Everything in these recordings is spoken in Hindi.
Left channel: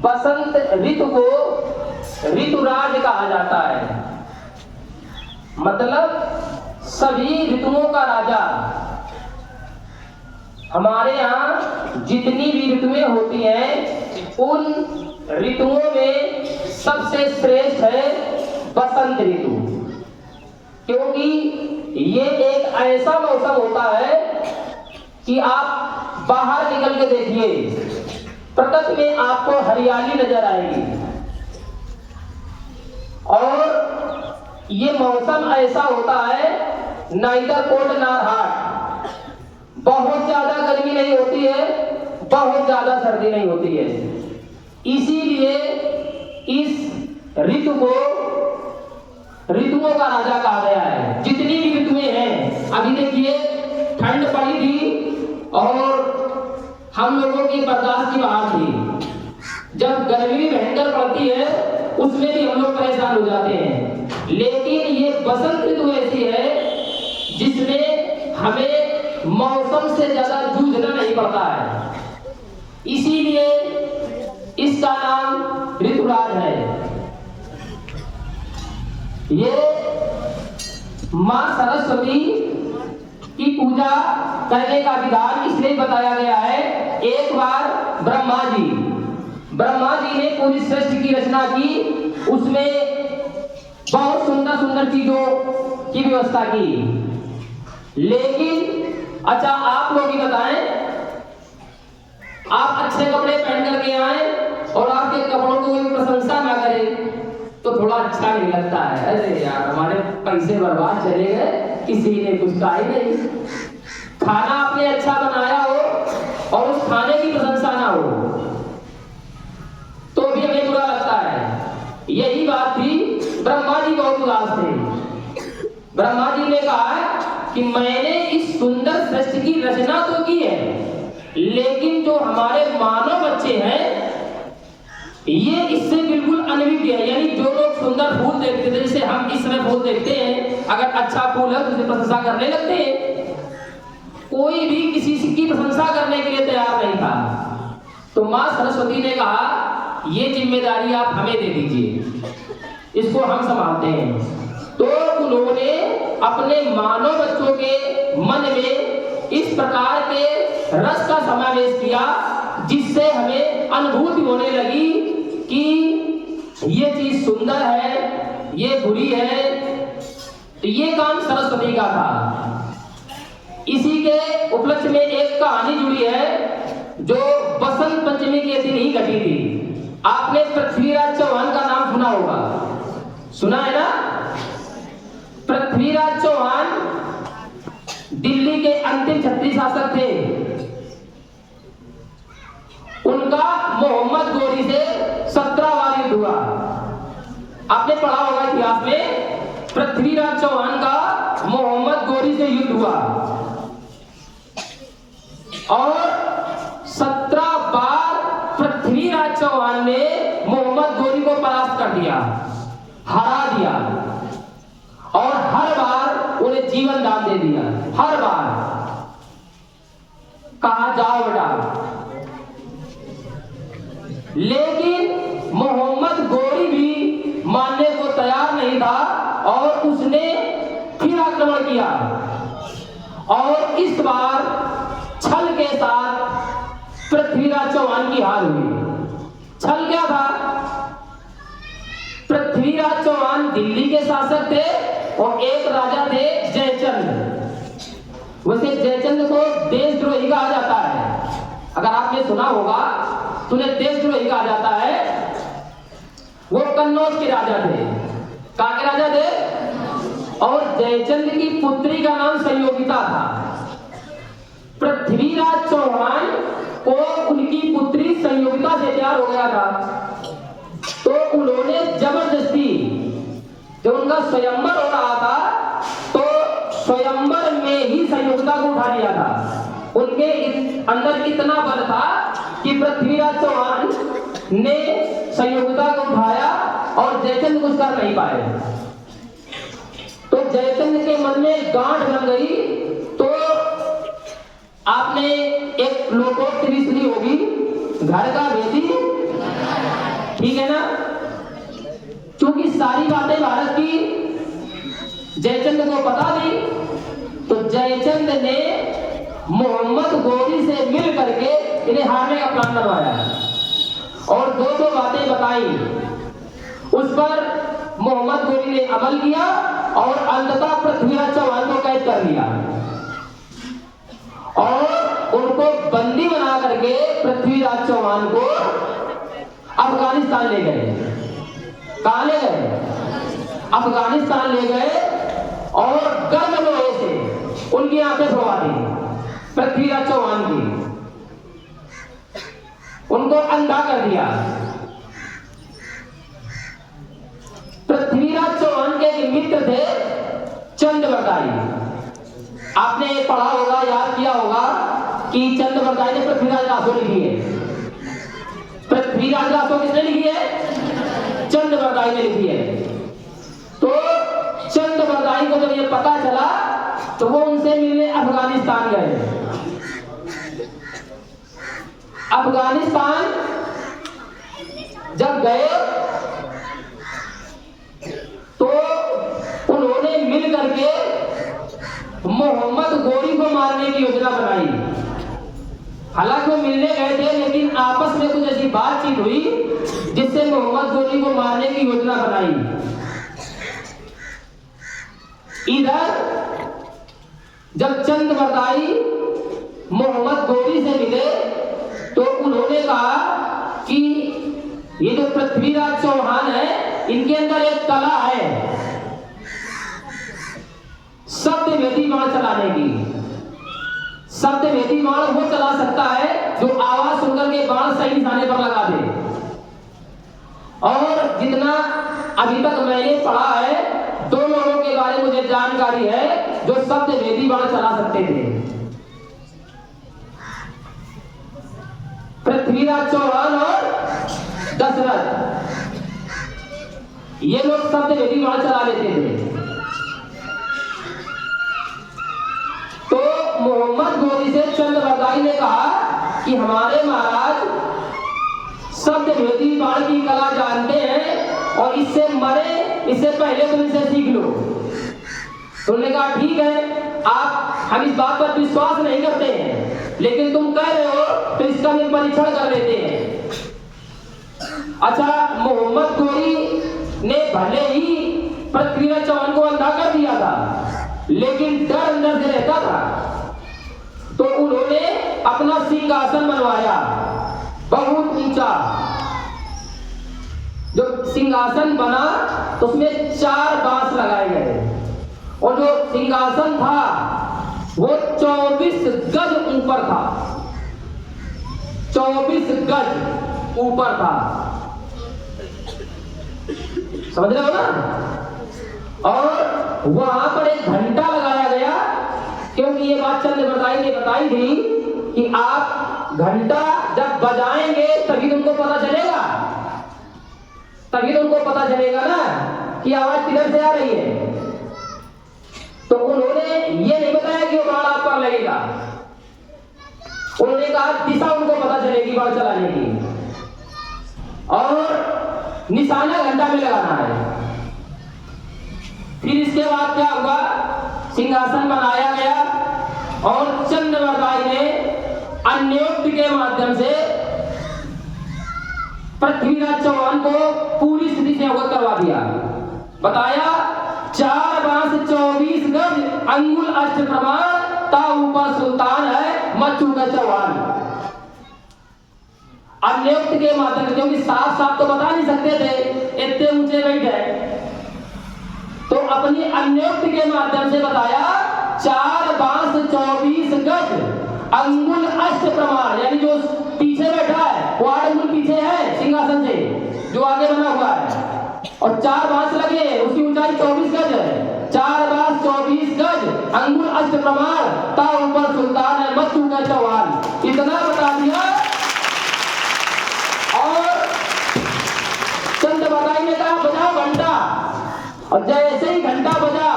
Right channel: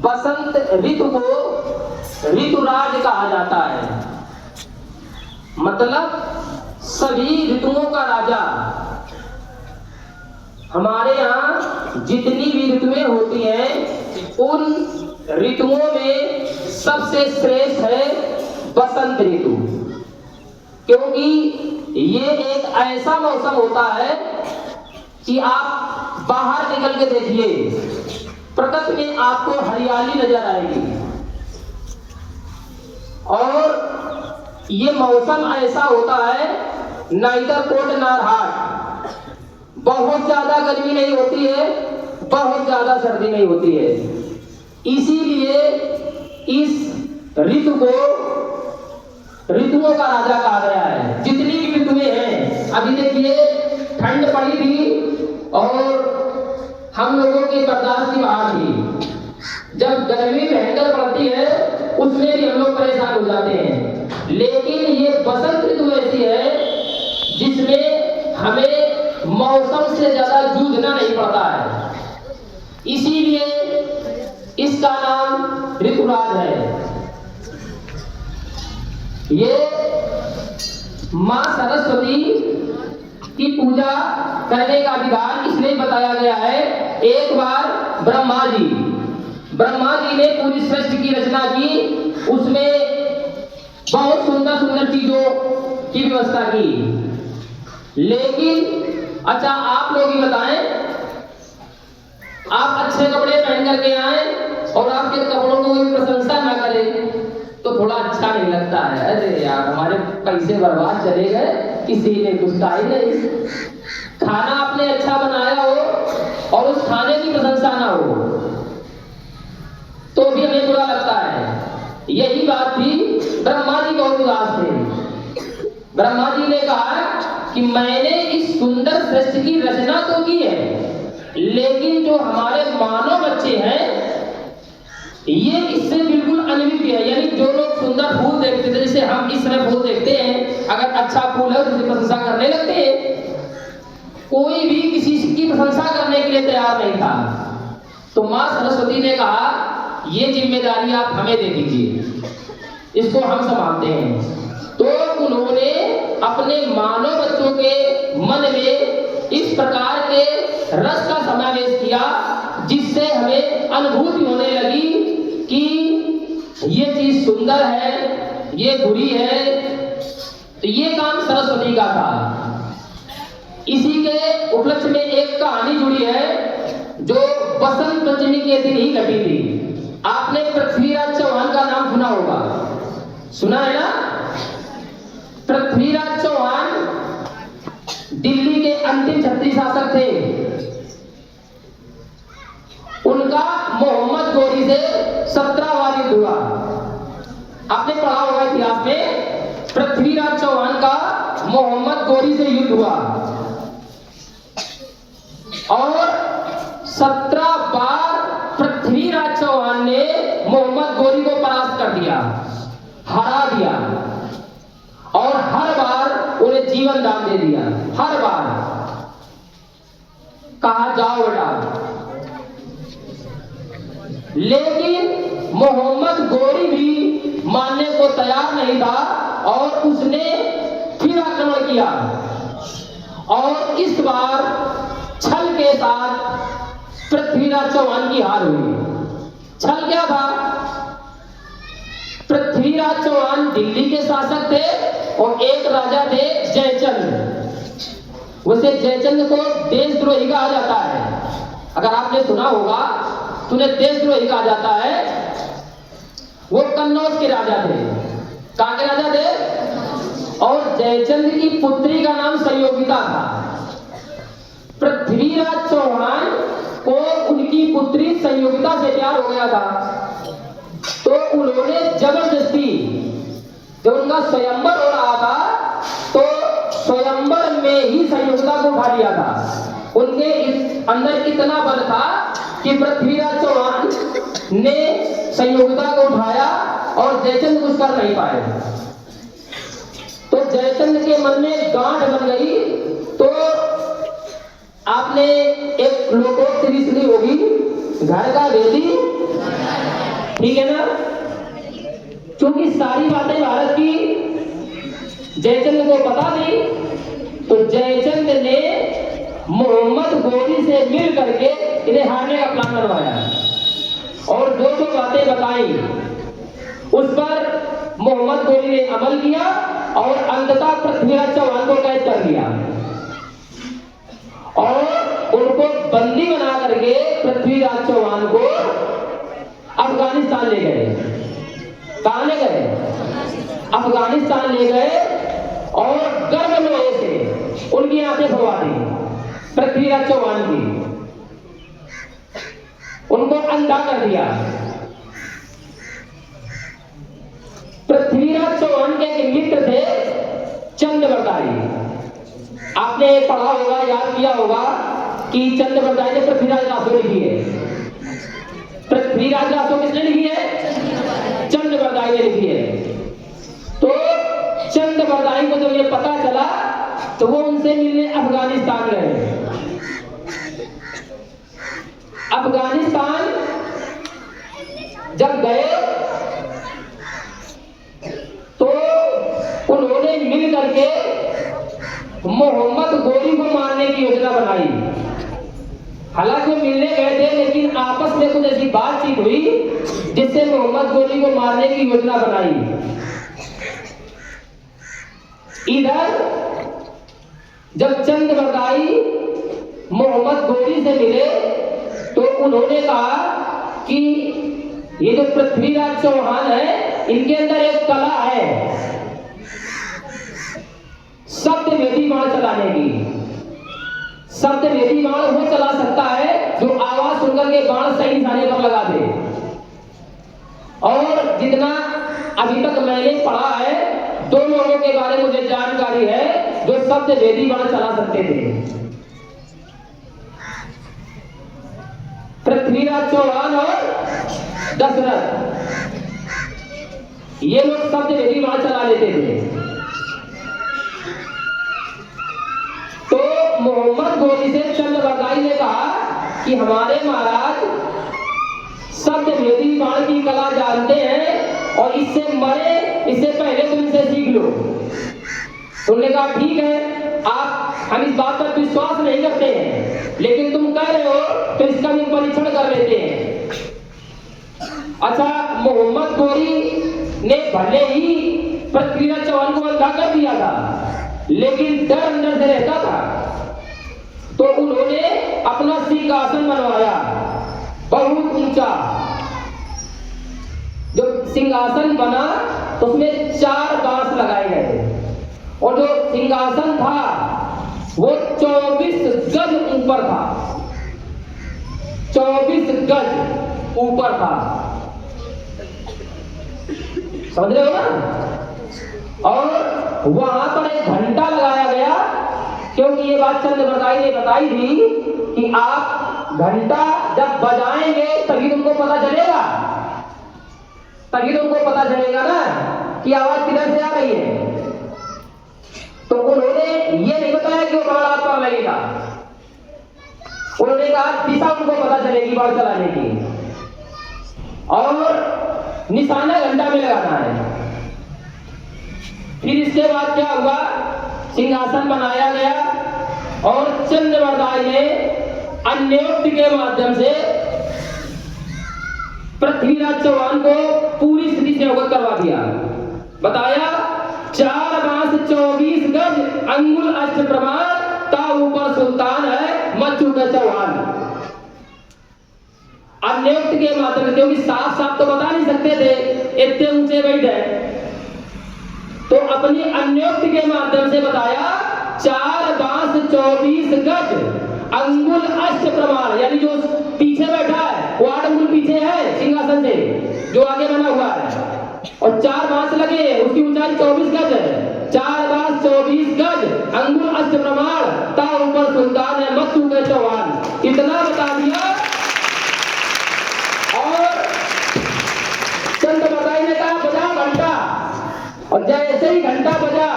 बसंत ऋतु को ऋतुराज कहा जाता है। मतलब सभी ऋतुओं का राजा। हमारे यहाँ जितनी भी ऋतुएं होती हैं उन ऋतुओं में सबसे श्रेष्ठ है बसंत ऋतु, क्योंकि ये एक ऐसा मौसम होता है कि आप बाहर निकल के देखिए, प्रकृति में आपको हरियाली नजर आएगी। और ये मौसम ऐसा होता है नाइदर कोल्ड नॉर हॉट, बहुत ज्यादा गर्मी नहीं होती है, बहुत ज्यादा सर्दी नहीं होती है। इसीलिए इस ऋतु को ऋतुओं का राजा कहा गया है। जितनी भी ऋतुएं हैं, अभी देखिए ठंड पड़ी थी और हम लोगों की बर्दाश्त की बात थी। जब गर्मी भयंकर पड़ती है उसमें भी हम लोग परेशान हो जाते हैं, लेकिन ये बसंत ऋतु ऐसी है जिसमें हमें मौसम से ज्यादा जूझना नहीं पड़ता है। इसीलिए इसका नाम ऋतुराज है। ये मां सरस्वती की पूजा करने का विधान इसलिए बताया गया है। एक बार ब्रह्मा जी ने पूरी सृष्टि की रचना की, उसमें बहुत सुंदर सुंदर चीजों की व्यवस्था की। लेकिन अच्छा आप लोग ही बताएं, आप अच्छे कपड़े पहन करके आए और आपके कपड़ों को कोई प्रशंसा ना करे तो थोड़ा अच्छा नहीं लगता है। अरे यार हमारे पैसे बर्बाद चले गए, किसी ने कुछ कहा ही नहीं। खाना आपने अच्छा बनाया हो और उस खाने की प्रशंसा ना हो तो भी हमें बुरा लगता है। यही बात थी, ब्रह्मा जी बहुत उदास थे। ब्रह्मा जी ने कहा कि मैंने इस सुंदर सृष्टि की रचना तो की है, लेकिन जो हमारे मानव बच्चे हैं ये इससे बिल्कुल अनभिज्ञ है। यानी जो लोग सुंदर फूल देखते थे, जैसे हम इस समय फूल देखते हैं, अगर अच्छा फूल है तो उसकी प्रशंसा करने लगते हैं। कोई भी किसी की प्रशंसा करने के लिए तैयार नहीं था। तो मां सरस्वती ने कहा ये जिम्मेदारी आप हमें दे दीजिए, इसको हम संभालते हैं। तो उन्होंने अपने मानव बच्चों के मन में इस प्रकार के रस का समावेश किया जिससे हमें अनुभूति होने लगी कि ये चीज सुंदर है, ये बुरी है। तो ये काम सरस्वती का था। इसी के उपलक्ष्य में एक कहानी जुड़ी है जो बसंत पंचमी के दिन ही घटी थी। आपने पृथ्वीराज चौहान का नाम सुना होगा, सुना है ना? पृथ्वीराज चौहान दिल्ली के अंतिम छत्री शासक थे। उनका मोहम्मद गोरी से 17 बार युद्ध हुआ। आपने पढ़ा होगा इतिहास में, पृथ्वीराज चौहान का मोहम्मद गोरी से युद्ध हुआ और 17 बार पृथ्वीराज चौहान ने मोहम्मद गोरी को परास्त कर दिया, हरा दिया और हर बार उन्हें जीवन दान दे दिया। हर बार कहा जाओ बेटा। लेकिन मोहम्मद गोरी भी मानने को तैयार नहीं था और उसने फिर आक्रमण किया और इस बार छल के साथ पृथ्वीराज चौहान की हार हुई। छल क्या था? पृथ्वीराज चौहान दिल्ली के शासक थे और एक राजा थे जयचंद। वैसे जयचंद को देशद्रोही कहा जाता है, अगर आपने सुना होगा तो उन्हें देशद्रोही कहा जाता है। वो कन्नौज के राजा थे। कहां के राजा थे? और जयचंद की पुत्री का नाम संयोगिता था। पृथ्वीराज चौहान को उनकी पुत्री संयोगिता से प्यार हो गया था, तो उन्होंने जबरदस्ती, जब उनका स्वयंवर हो रहा था तो स्वयंवर में ही संयोगिता को उठा लिया था। उनके अंदर इतना बल था कि पृथ्वीराज चौहान ने संयोगिता को उठाया और जयचंद कुछ कर नहीं पाए। तो जयचंद के मन में गांठ बन गई। तो आपने एक लोकोक्ति भी सुनी होगी, घर का भेदी, ठीक है ना। क्योंकि सारी बातें भारत की जयचंद को पता थी, तो जयचंद ने मोहम्मद गोरी से मिल करके इन्हें हारने का प्लान बनवाया और जो जो बातें बताई उस पर मोहम्मद गोरी ने अमल किया और अंततः पृथ्वीराज चौहान को कैद कर लिया और उनको बंदी बना करके पृथ्वीराज चौहान को अफगानिस्तान ले गए। कहां ले गए? अफगानिस्तान ले गए और गर्म लोहे से उनकी आंखें फुलवा दी पृथ्वीराज चौहान की, उनको अंधा कर दिया। पृथ्वीराज चौहान के मित्र थे चंद्रबरदाई। आपने पढ़ा होगा, याद किया होगा कि चंद्रबरदाई ने पृथ्वीराज रासो लिखी है। पृथ्वीराज रासो किसने लिखी है? चंद्रबरदाई ने लिखी है। तो चंद्रबरदाई को जब ये पता चला तो वो उनसे मिलने अफगानिस्तान गए। अफगानिस्तान जब गए तो उन्होंने मिल करके मोहम्मद गोरी को मारने की योजना बनाई। हालांकि वो मिलने गए थे लेकिन आपस में कुछ ऐसी बातचीत हुई जिससे मोहम्मद गोरी को मारने की योजना बनाई। इधर जब चंद्रबरदाई मोहम्मद गोरी से मिले तो उन्होंने कहा कि ये जो पृथ्वीराज चौहान है इनके अंदर एक कला है शब्द वेदी बाण चलाने की। शब्द वेदी बाण वो चला सकता है जो आवाज सुनकर के बाण सही निशाने पर लगा दे। और जितना अभी तक मैंने पढ़ा है, दो लोगों के बारे में मुझे जानकारी है जो शब्द वेदी बाण चला सकते थे, पृथ्वीराज चौहान और दशरथ। ये लोग शब्द वेदी बाण चला लेते थे। तो मोहम्मद गोरी से चंद्रबरदाई ने कहा कि हमारे महाराज शब्द वेदी बाण की कला जानते हैं और इससे मरे इससे पहले तुम इसे सीख लो। तुमने कहा ठीक है, हम इस बात पर विश्वास नहीं करते हैं लेकिन तुम कह रहे हो तो इसका भी परीक्षण कर लेते हैं। अच्छा, मोहम्मद गोरी ने भले ही पृथ्वीराज चौहान को अंधा कर दिया था लेकिन डर अंदर से रहता था, तो उन्होंने अपना सिंहासन बनवाया बहुत ऊंचा। जो सिंहासन बना तो उसमें 4 बांस लगाए गए और जो सिंहासन था वो 24 गज ऊपर था। 24 गज ऊपर था, समझ रहे हो ना। और वहां पर एक घंटा लगाया गया क्योंकि ये बात चंद्रबरदाई ने बताई थी कि आप घंटा जब बजाएंगे तभी तुमको पता चलेगा, तभी तुमको पता चलेगा ना कि आवाज किधर से आ रही है। तो उन्होंने ये नहीं बताया कि वो बाण आप पर लगेगा, उन्होंने कहा दिशा उनको पता चलेगी बाण चलाने की और निशाना घंटा में लगाना है। फिर इसके बाद क्या हुआ, सिंहासन बनाया गया और चंद्रबरदाई ने अन्योक्ति के माध्यम से पृथ्वीराज चौहान को पूरी स्थिति से अवगत करवा दिया। बताया 4 बांस 24 गज अंगुल अष्ट प्रमाण ता ऊपर सुल्तान है मचू का चौहान। अन्योक्ति के माध्यम से, क्योंकि साफ साफ तो बता नहीं सकते थे इतने ऊंचे बैठे, तो अपनी अन्योक्ति के माध्यम से बताया 4 बांस 24 गज अंगुल अष्ट प्रमाण, यानी जो पीछे बैठा है वो 8 अंगुल पीछे है सिंहासन से जो आगे बना हुआ है, और 4 बांस लगे, उसकी ऊंचाई 24 गज है। 4 बांस 24 गज अंगुल अष्ट प्रमाण ता ऊपर सुल्तान है मचू का चौहान। इतना बता दिया और चंद्रबरदाई ने कहा बजाओ घंटा, और जैसे ही घंटा बजा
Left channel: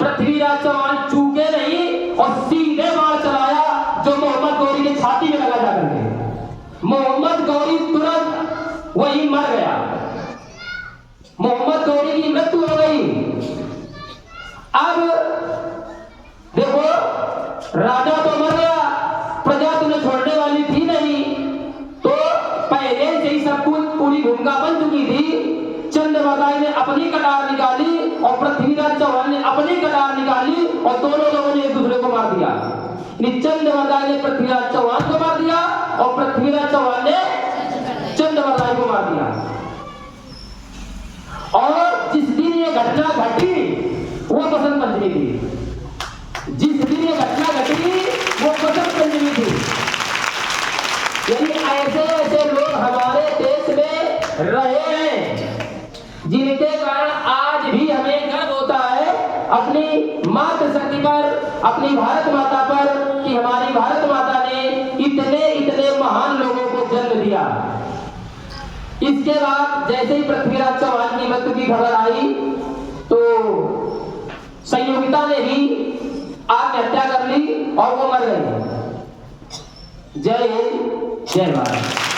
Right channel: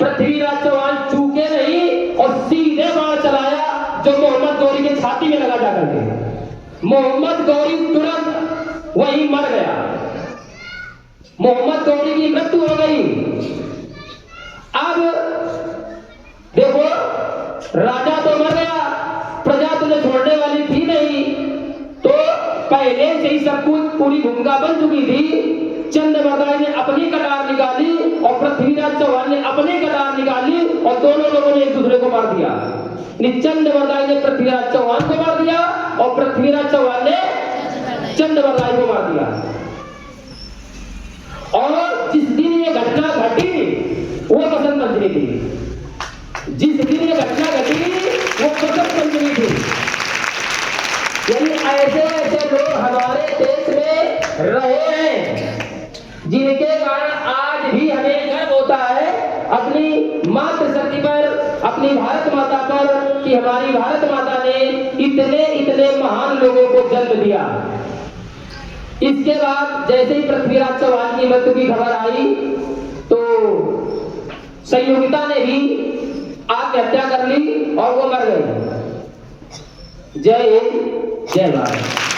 पृथ्वीराज चौहान चूके नहीं और सीधे बाण चलाया जो मोहम्मद गोरी के छाती में लगा जाकर के। मोहम्मद गौरी तुरंत वही मर गया। मोहम्मद गौरी की मृत्यु हो गई। अब देखो, राजा तो मर गया, प्रजा तो उन्हें छोड़ने वाली थी नहीं, तो पहले से ही सब कुछ पूरी भूमिका बन चुकी थी। चंद्रवरदाई ने अपनी कटार निकाली और पृथ्वीराज चौहान ने अपनी कटार निकाली और दोनों लोगों ने एक दूसरे को मार दिया। चंद्रवरदाई ने पृथ्वीराज चौहान को मार दिया और पृथ्वीराज चौहान ने चंद्रवरदाई को मार दिया। और जिस दिन ये घटना घटी वो बसंत पंचमी थी। जिस दिन ये घटना घटी वो बसंत पंचमी थी। यानी ऐसे ऐसे लोग हमारे देश में रहे हैं जिनके कारण आज भी हमें गर्व होता है अपनी मातृशक्ति पर, अपनी भारत माता पर, कि हमारी भारत माता ने इतने इतने महान लोगों को जन्म दिया। इसके बाद जैसे ही पृथ्वीराज चौहान की मृत्यु की खबर आई तो संयोगिता ने भी आत्महत्या कर ली और वो मर गई। जय हिंद, जय भारत।